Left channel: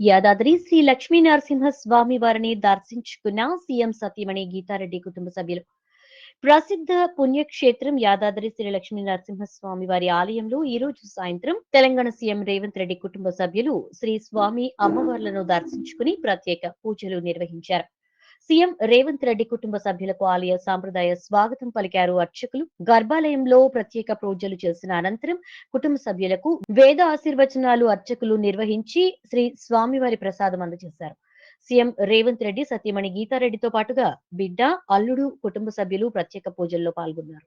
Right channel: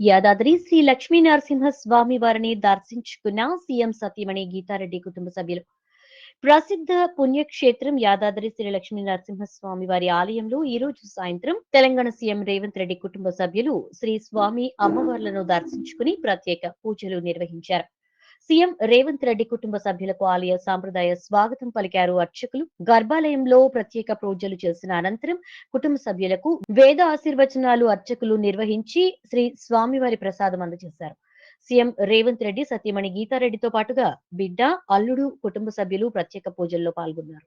యాదాద్రి శ్రీ లక్ష్మీ నరసింహ స్వామి వారిని దర్శించుకున్న సీఎం సతీమణి గీతారెడ్డి కుటుంబ సభ్యులు. ప్రసిద్ధ పుణ్యక్షేత్రం యాదాద్రి శ్రీ లక్ష్మీ నరసింహ స్వామి వారి ఆలయంలో ఈ రోజు సాయంత్రం తెలంగాణ సీఎం రేవంత్ రెడ్డి కుటుంబ సభ్యులు శ్రీ స్వామి అమ్మవార్లను దర్శించుకుని ప్రత్యేక పూజలు నిర్వహించారు. సీఎం రేవంత్ రెడ్డి కుటుంబ సభ్యులకు ఆలయ సాంప్రదాయ స్వాగతం పలికారు అర్చకులు. గర్భాలయంలో ప్రత్యేక పూజలు చేసిన అనంతరం కుటుంబ సభ్యులకు వేద ఆశీర్వచనాలు అర్చకులు నిర్వహించి శ్రీ స్వామివారి ప్రసాదం అందజేశారు. సీఎం రేవంత్ రెడ్డి సతీమణి గీతారెడ్డితో పాటుగా బిడ్డ అల్లుడు కుటుంబ సభ్యులు ప్రత్యేక పూజల్లో పాల్గొన్నారు.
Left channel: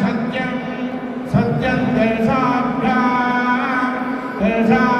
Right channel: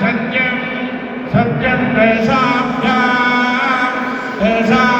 सत्यं सत्यं तेषाभ्यां तेषां